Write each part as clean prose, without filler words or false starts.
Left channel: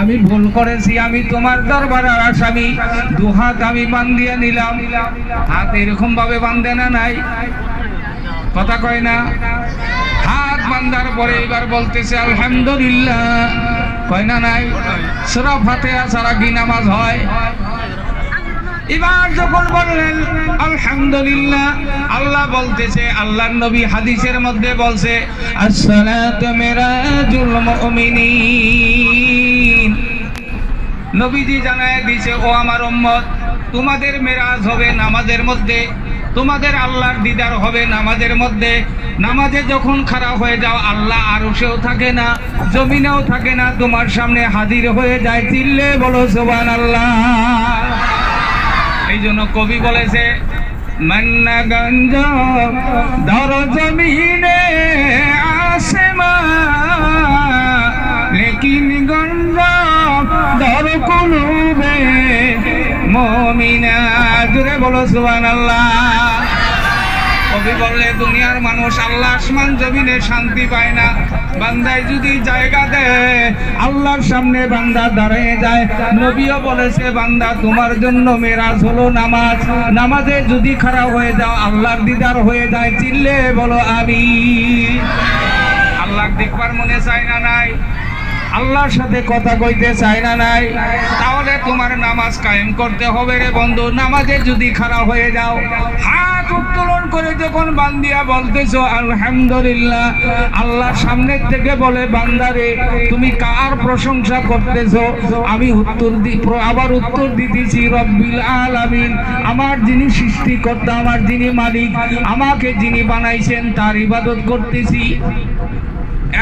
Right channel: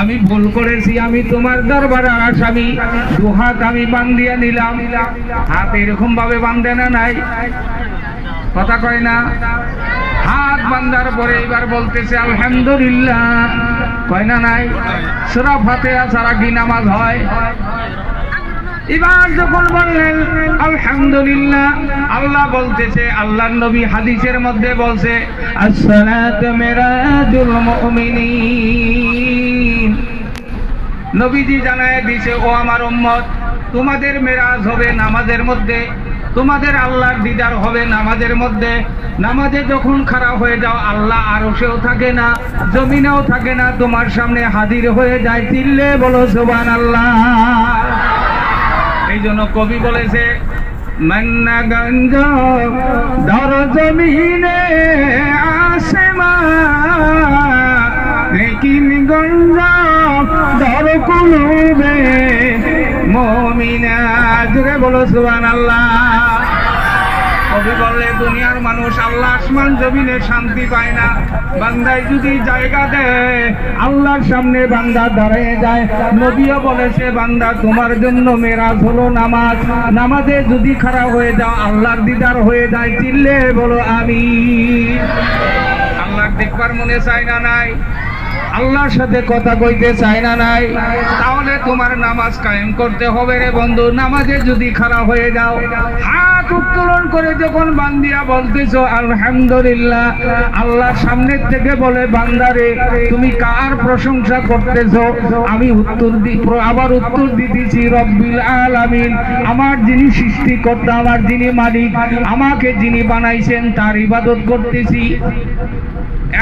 আমি ভুল করেছি, আমি তোমার দরবারে আসামি, দুহাত আমি বান্ধিয়ে নিলাম। হাত এরকম ভাবে বান্ধে না নাই, কথা কয় না। হাত বান্ধার পরে এবার বলতেছে আলহামদুলিল্লাহ, কয় না নাই। সূরা ফাতিহা ছাড়া কি নামাজ হয়? এবার যখন বললেন আলহামদুলিল্লাহ, আল্লাহ বলতেছে, আল্লাহর নবী হাদিসের মধ্যে বলছে আসসালাতু মিরাজুল মুমিনিন। নবীজি জানায় দিয়েছে, ও আমার উম্মত, তোমাদের মেরাজ হবে নামাজের মধ্যে, তোমাদের আল্লাহর দিদার হবে নামাজের মধ্যে। নামাজে যখন খারাপ হয়ে যাও, আল্লাহ আরশেও থাকে না, জমিনেও থাকে না, তোমার সামনে হাজির হয়ে যায়। চিল্লে বলো সুবহানাল্লাহ। এই জন্য কবি বলেছে, মান্না গঞ্জ দর জমিনে আসেমা, লেকিন গঞ্জ দর কুলুবে মুমিনা। জোরে বলো সুবহানাল্লাহ। কবি বলে, দুনিয়ার মানুষ আল্লাহ আসমান জমিনে শান্তি পায় না, বান্দায় যদি জায়গা দেয় আল্লাহর সামনে বান্দা দাঁড়িয়ে যায়। নবীও বলেছে, বান্দা তোমার জন্য মেরাজ হলো নামাজ, নামাজে যদি খারাপ হয়ে যাও আল্লাহর দিদার হয়ে যায়। চিল্লে বলো আমিন। আল্লাহ দেখবার মনে চায় না নাই, আল্লাহর সাথে কথা কইতে চায় না নাই, তাহলে তোমার নামাজ কায়েম করতে হবে রে বন্ধু। নামাজে যদি খারাপ হয়ে যাও, হাত উত্তোলন করে যখন বান্দিয়া বলতেছো আলহামদুলিল্লাহ, আল্লাহ সামনের থেকে বলে, বান্দারে তুমি কার প্রশংসা করতেছো? আমি আবার উত্তর দিতেছি রব্বিল আলামিন, আমার যিনি সৃষ্টিকর্তা, আমার যিনি মালিক, আমাকে যিনি বানাইছেন তার ইবাদত করতেছি।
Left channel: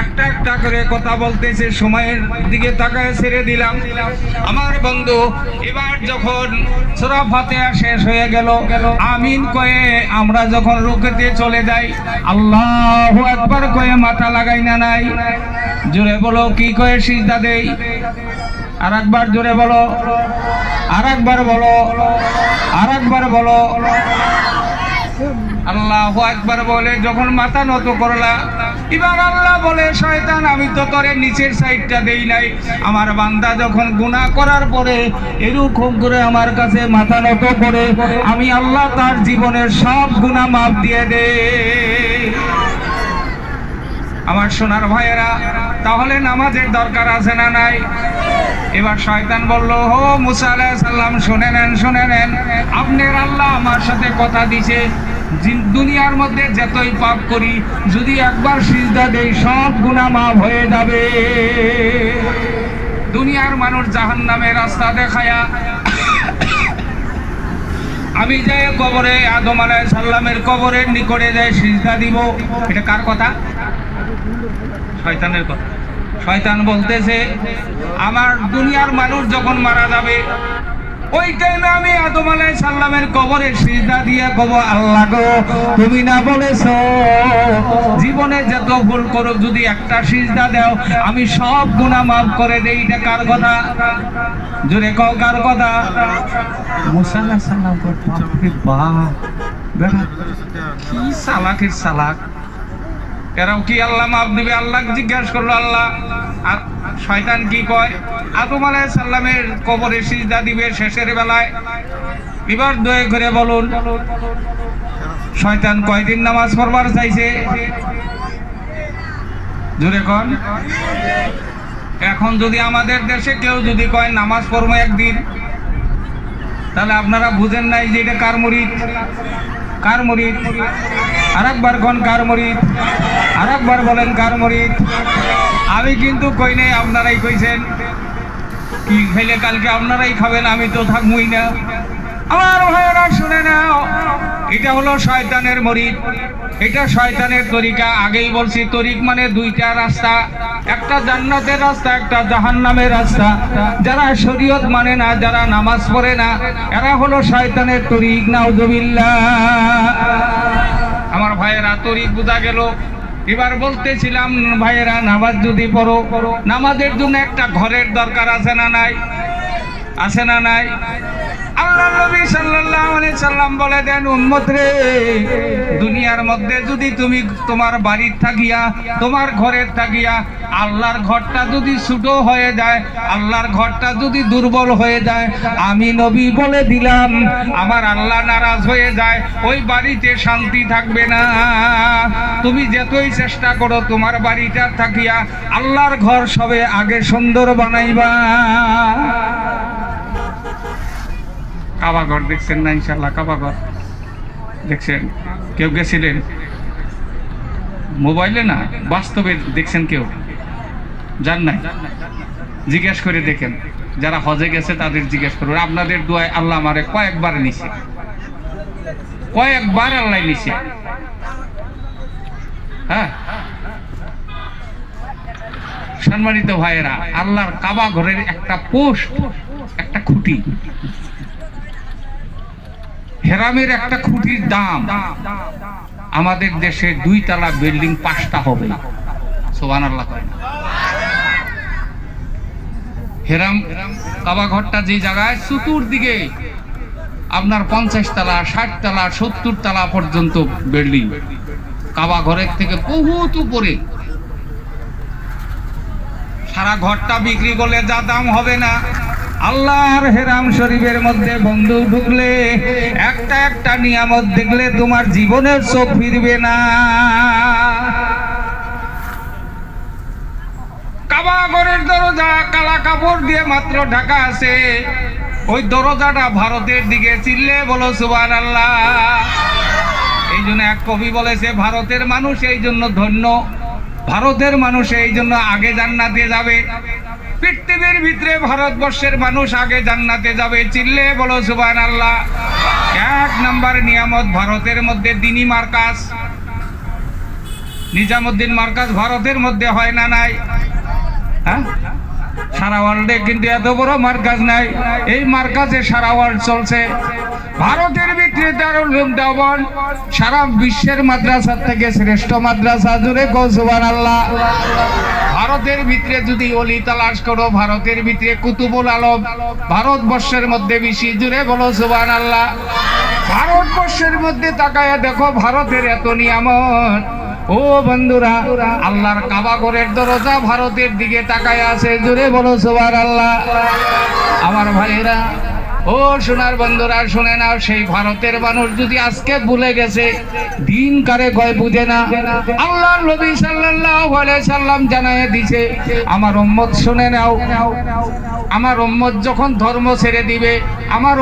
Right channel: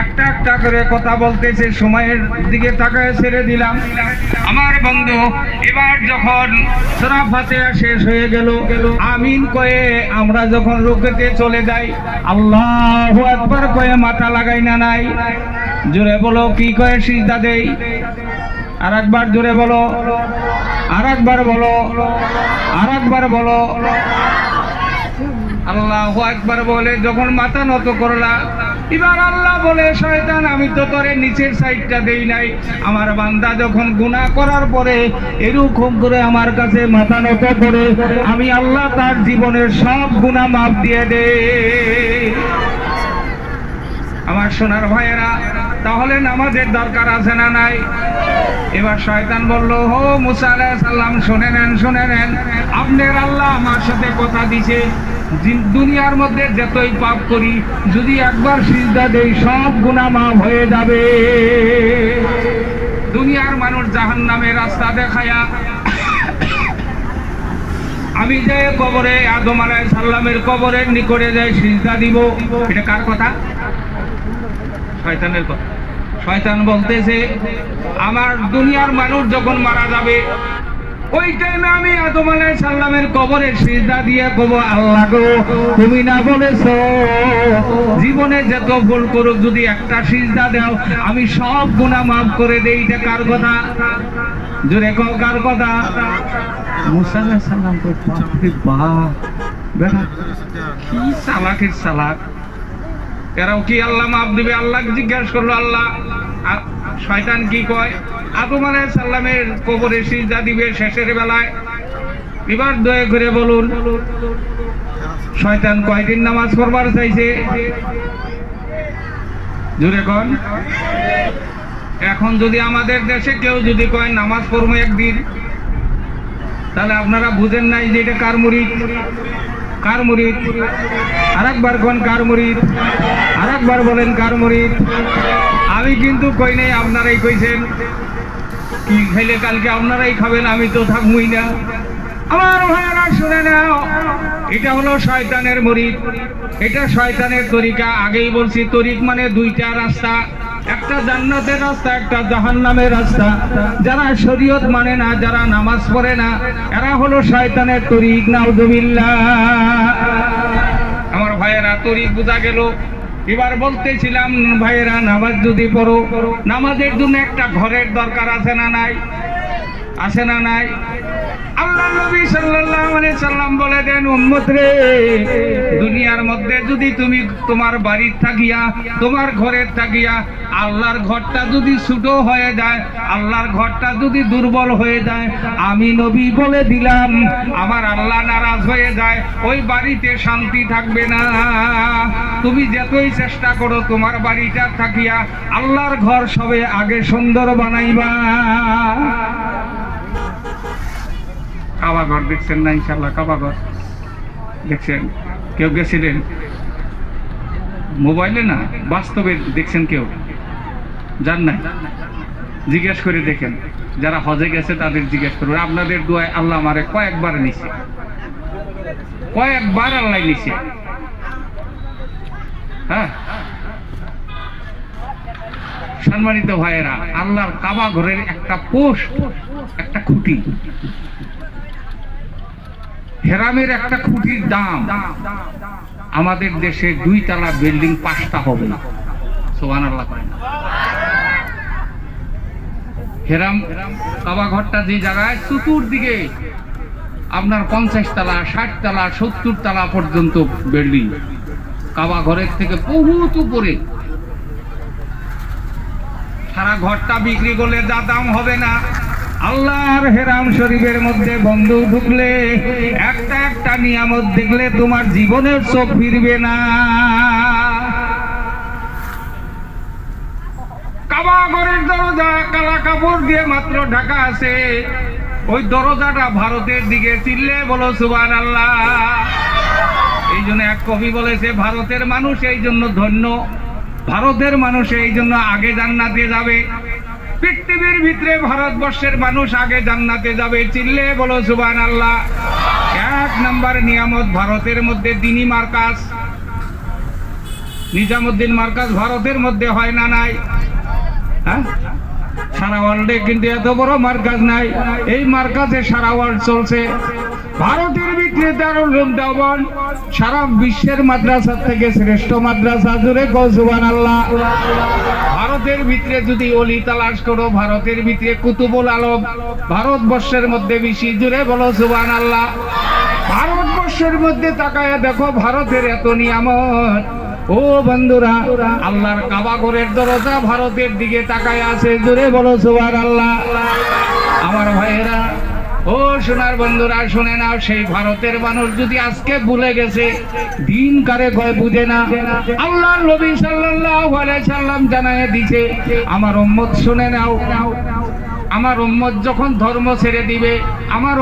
একটা একটা করে কথা বলতেছে, সময়ের দিকে তাকায় ছেড়ে দিলাম আমার বন্ধু। এবার যখন সূরা ফাতিহা শেষ হয়ে গেল, আমিন কয়ে আমরা যখন রুকুতে চলে যাই, আল্লাহু আকবার কয়ে মাথা লাগাই না নাই? জোরে বলো, কি কয়ে সিজদা দেই? আরেকবার জোরে বলো, আরেকবার বলো, আরেকবার বলো। আল্লাহু আকবার বলে যখন মাথা নত করলা, এবার আল্লাহ বলে, শয়তান আমি তো তোরে নিচের সাইডটা দেই নাই। আমার বান্দা যখন গুনাহ করার পরে এরকম করে আমার কাছে মাথা নত করে, আমি আল্লাহ তার জীবনের সব গুনাহ মাফ দিয়ে দে। আমার সোনার ভাইয়েরা, তাহলে নামাজের দরকার আছে না নাই? এবার শয়তান বলল, ও মুসা আলাইহিস সালাম, শুনে নেন, শুনে নেন, আপনার আল্লাহ আমার সাথে কথা দিছে, দুনিয়ার মধ্যে যতই পাপ করি যদি একবার সিজদা দেই সব গুনাহ মাফ হয়ে যাবে। দুনিয়ার মানুষ জাহান্নামের রাস্তা দেখায়া আমি যে কবরে আদম আলাইহিস সালামের কবরের নিকটে যাই সিজদা দিব, এটা কার কথা? শয়তানের কথা। শয়তান বলতেছে, আমার দুনিয়ার মানুষ যখন মারা যাবে ওই টাইমে আমি আদম আলাইহিস সালামের কবরে সিজদা দিয়ে কব, আল্লাহ গো তুমি না বলেছো জীবনে যত ভুল করুক যদি একটা সিজদা দাও আমি সব গুনাহ মাফ করে দেই। এটা কার কথা? জোরে কও, কার কথা? মুসা আলাইহিস সালাম করতে কি সালাকের সালাক। এরাও কি আল্লাহ মাফ দিবে? আল্লাহ জিজ্ঞাসা করলো, আল্লাহ শয়তান কি কয়? আদম আলাইহিস সালামের কবরে সিজদা দিবে শেষের বেলায়। এবার দয়া করে বলুন, শয়তান কয়দিন নামাজ পড়বার চাইছে? জোরে কোন। এখন যদি আমাদের দেশে কেউ যদি কয় নামাজ পড়বো একদিন, তাহলে আপনারা বুঝেন নাই যে এটা কার মুরিদ? কার মুরিদ? আরেকবার কোন কার মুরিদ? আরেকবার বলেন কার মুরিদ? আমি কিন্তু কই নাই, আপনারাই কইছেন। কি খাইলে কালকে আপনারাই খাবেন, আমি তো থাকবই না। আমার ভাইয়েরা শুনে নাও, এটা হলো শয়তানের মুরিদ, এটা শয়তানের তরিকা। আগেই বলছি, তরিক মানে দুইটা রাস্তা, একটা জান্নাতের রাস্তা, একটা জাহান্নামের রাস্তা। যারা শরীয়ত মানে না, যারা নামাজ পড়ে না, এরা হলো শয়তানের তরিক। নাউযুবিল্লাহ। আমার ভাইয়েরা, তরিক বোঝা গেল। এবার বলতেছিলাম ভাইয়েরা, নামাজ যদি পড়ো, নামাজের জন্য একটা ঘরের দরকার আছে না নাই? আছে না নাই? আল্লাহ নবী সাল্লাল্লাহু আলাইহি সাল্লাম বলে দেন, উম্মত রে, দুনিয়ার মধ্যে যদি তুমি তোমার বাড়ির থাকিয়া, তোমার ঘরের থাকিয়া আল্লাহর ঘরটা যদি ছোট হয়ে যায়, আল্লাহর ঘরটা যদি দুর্বল হয়ে যায়, আমি নবী বলে দিলাম আমার আল্লাহ নারাজ হয়ে যায়, ওই বাড়িতে শান্তি থাকবে না। তুমি যতই চেষ্টা করো তোমার বাড়িটা থাকিয়া আল্লাহর ঘর সবে আগে সুন্দর বানাইবা। কাবা ঘর দেখছেন না? ইনশাল্লাহ কাবা ঘর দেখছেন? কেউ গেছিলেন? মোবাইলে না, বাস্তবে দেখছেন? কেউ জান নাই? জিজ্ঞেস করে দেখেন, যারা হজে গেছে তাদের জিজ্ঞেস করবেন। আপনাদের দোয়ায় আল্লাহ আমারে কয়েকবার নিছে, কয়েকবার আল্লাহ নিছে। হ্যাঁ, সম্মানিত ভাইয়েরা, আল্লাহর কাবা ঘরের একটা পোস্ট, একটা খুঁটি, হেরামের একটা খুঁটির দাম আমাদের দেশে 2 তলা বিল্ডিং 5টা হবে না। সুবহানাল্লাহ। হেরাম কাবা ঘরটা যে জায়গায় চতুর্দিকে আপনার 50 তলা, 60 তলা, 70 তলা পর্যন্ত বিল্ডিং, কাবা ঘরের থেকে বহুত উপরে। সারা ঘরটা বিক্রি করলে যা দাম হবে না, আল্লাহর হেরাম শরীফের মধ্যে বন্ধু ঢুকলে একটা একটা নিয়ামত দেখলে তোমার জীবনের চোখ ফিরবে না। কাবা ঘরের দরজা কালা কাপড় দিয়ে মাত্র ঢাকা আছে, ওই দরজাটা ভারতের দিকে, চিল্লে বলো সুবহানাল্লাহ। এই জন্য এক কবি বলেছে, ভারতের মানুষ এই জন্য ধন্য, ভারতের মানুষ এই জন্য আগে জান্নাতে যাবে। পৃথিবীর ভিতরে ভারতবর্ষের মানুষ আগে জান্নাতে যাবে, চিল্লে বলো সুবহানাল্লাহ। 1 নম্বর নিয়ামত ভারতের মধ্যে দ্বীনি মার্কাজ, নিজামুদ্দিন মার্কাজ ভারতের মধ্যে হয় না নাই? হ্যাঁ, সারা ওয়ার্ল্ডে কিন্তু এত বড় মার্কাজ নাই। এই মার্কাজে সারা ওয়ার্ল্ড চলছে। ভারতের ভিতরে দারুল উলুম দেওবন্দ সারা বিশ্বের মাদ্রাসা থেকে শ্রেষ্ঠ মাদ্রাসা, জুড়ে গো সুবহানাল্লাহ। ভারতের ভিতরে যদি অলি তালাশ করো, ভারতের ভিতরে কুতুবুল আলম ভারতবর্ষের মধ্যে বেশি, জুড়ে বলো সুবহানাল্লাহ। ভারতবর্ষের মধ্যে তাকায়া দেখো ভারতের এত নিয়ামত। ও বন্ধুরা, আল্লাহর কাবা ঘরের দরজা ভারতের দিকে তাকায় আছে, জুড়ে বলো সুবহানাল্লাহ। আমার ভাইয়েরা, ও সোনার বন্ধুরা, শুনে নাও, সেই ভারতের মানুষ যদি আজকে ভুলে গেছে, দিন কারে কয় বুঝে না। আল্লাহর নবী সাল্লাল্লাহু আলাইহি সাল্লাম জানায় দিয়েছে, আমার উম্মত শুনে নাও, আমার উম্মত যখন ধর্ম ছেড়ে দিবে, আমার